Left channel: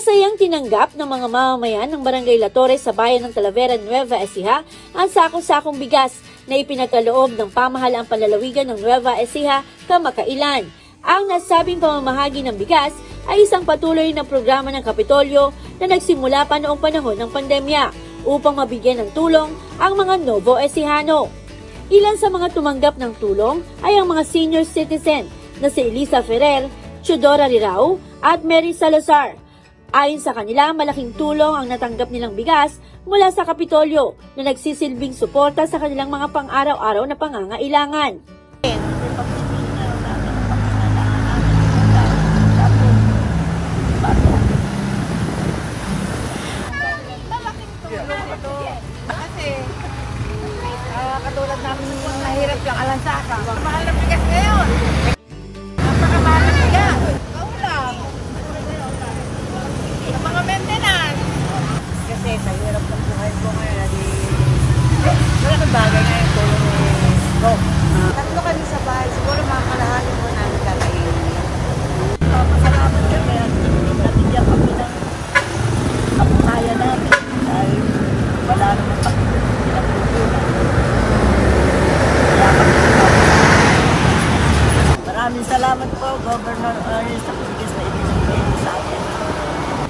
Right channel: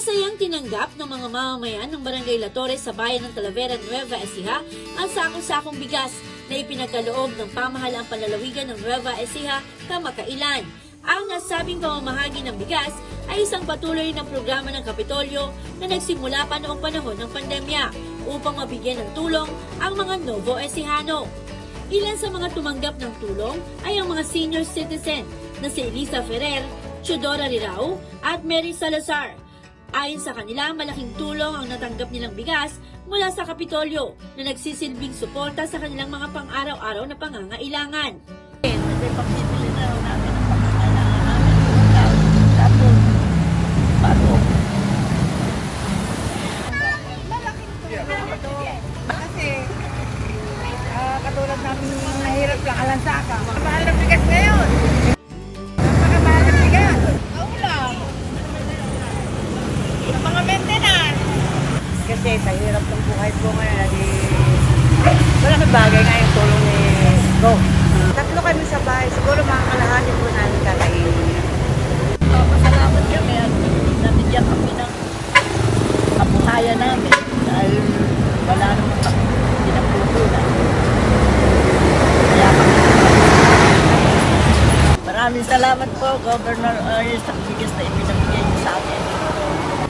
Masayang tinanggap ng mga mamamayan ng Barangay La Torre sa bayan ng Talavera, Nueva Ecija ang sako-sakong bigas na ipinagkaloob ng pamahalaang panlalawigan ng Nueva Ecija kamakailan. Ang nasabing pamamahagi ng bigas ay isang patuloy na programa ng Kapitolyo na nagsimula pa noong panahon ng pandemya upang mabigyan ng tulong ang mga Novo Ecijano. Ilan sa mga tumanggap ng tulong ay ang mga senior citizen na si Elisa Ferrer, Chudora Rirao at Mary Salazar. Ayon sa kanila, malaking tulong ang natanggap nilang bigas mula sa Kapitolyo na nagsisilbing suporta sa kanilang mga pang-araw-araw na pangangailangan. Pagpipili na lang namin ng pangangailangan. Tapos, bago. Malaking tulong ito. Kasi, katulad namin yung nahirap lang alansaka. Mahal ng bigas ngayon. Napakamahal ng bigas. Kaulang. Sa mga maintenance. Kasi sa hirap ng buhay ko ngayon, malaking bagay nga yung tulong ni Go. Tatlo kami sa bahay, siguro mga kalahati po namin kakainin. Pasalamat kami at nabigyan kami ng kabuhayan namin dahil wala naman kami pinapupunan. Kaya kami maraming salamat po, Governor Ariel, sa bigas na ipinabigay niyo sa amin.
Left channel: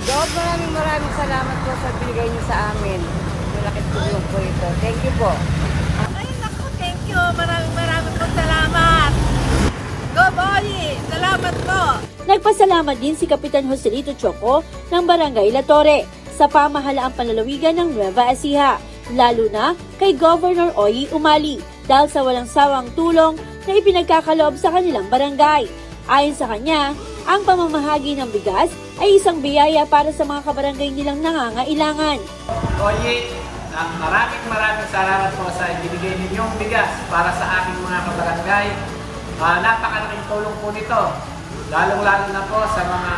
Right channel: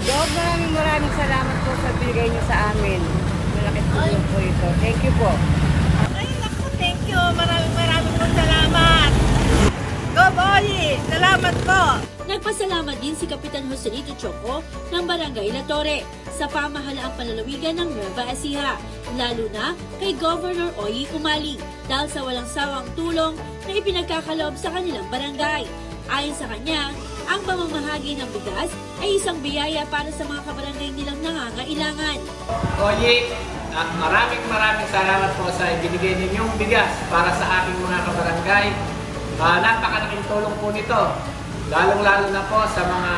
Gov, maraming salamat po sa bigay niyo sa amin. Malaking tulong po ito. Thank you po. Ay, naku, thank you. Maraming po salamat. Gov, Oyi, salamat po. Nagpasalamat din si Kapitan Joselito Choco ng Barangay La Torre sa pamahalaang panlalawigan ng Nueva Ecija, lalo na kay Governor Oyi Umali dahil sa walang sawang tulong na ipinagkakaloob sa kanilang barangay. Ayon sa kanya, ang pamamahagi ng bigas ay isang biyaya para sa mga kabarangay nilang nangangailangan. Oyi, maraming salamat po sa ibinigay ninyong bigas para sa aking mga kabarangay. Napakalaking tulong po nito, lalong-lalo na po sa mga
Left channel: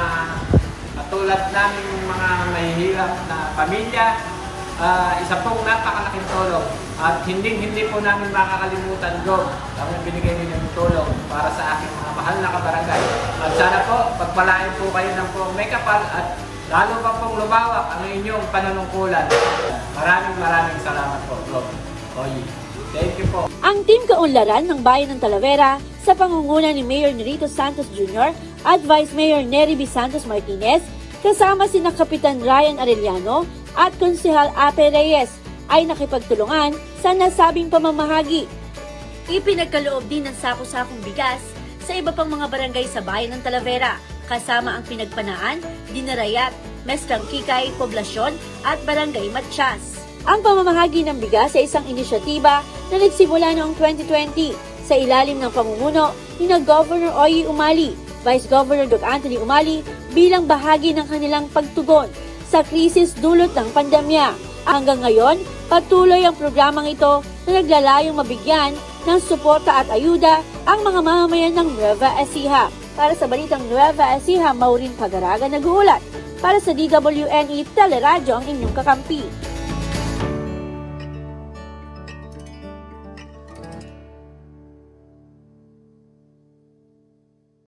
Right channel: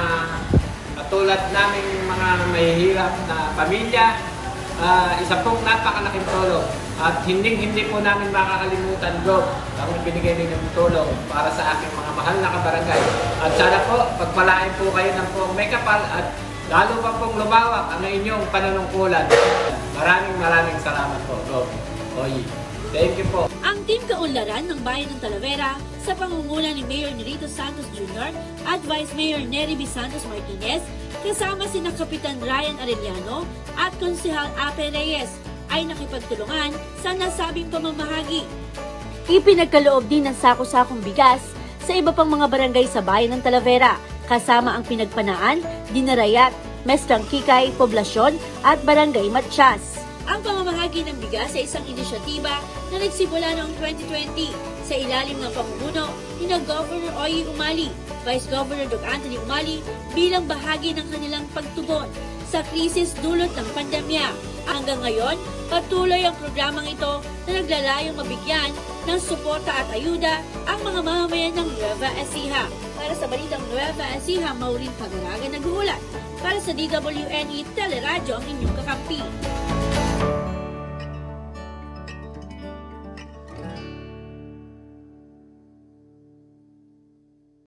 katulad naming mga mahihirap na pamilya. Isa pong napakalaking tulong at hindi po namin makakalimutan, Gov, ang binigay ninyong tulong para sa aking mga mahal na kabarangay. At sana po, pagpalain po kayo ng pong may kapal at lalo pa pong lumawak ang inyong panunungkulan. Maraming salamat po, Gov. Oyi. Thank you po. Ang Team Kaunlaran ng Bayan ng Talavera sa pangunguna ni Mayor Nerito Santos Jr. at Vice Mayor Nery B. Santos Martinez kasama sina Kapitan Ryan Arellano at Konsehal Ape Reyes ay nakipagtulungan sa nasabing pamamahagi. Ipinagkaloob din ng sako-sakong bigas sa iba pang mga barangay sa Bayan ng Talavera kasama ang Pinagpanaan, Dinarayat, Mestang Kikay, Poblasyon at Barangay Matsyas. Ang pamamahagi ng bigas ay isang inisyatiba na nagsimula noong 2020 sa ilalim ng pamumuno ni Governor Oyi Umali, Vice Governor Doc Anthony Umali bilang bahagi ng kanilang pagtugon sa krisis dulot ng pandemya. Hanggang ngayon, patuloy ang programang ito na naglalayong mabigyan ng suporta at ayuda ang mga mamamayan ng Nueva Ecija. Para sa Balitang Nueva Ecija, Maureen Pagaraga nag-uulat. Para sa DWNE Teleradyo ang inyong kakampi.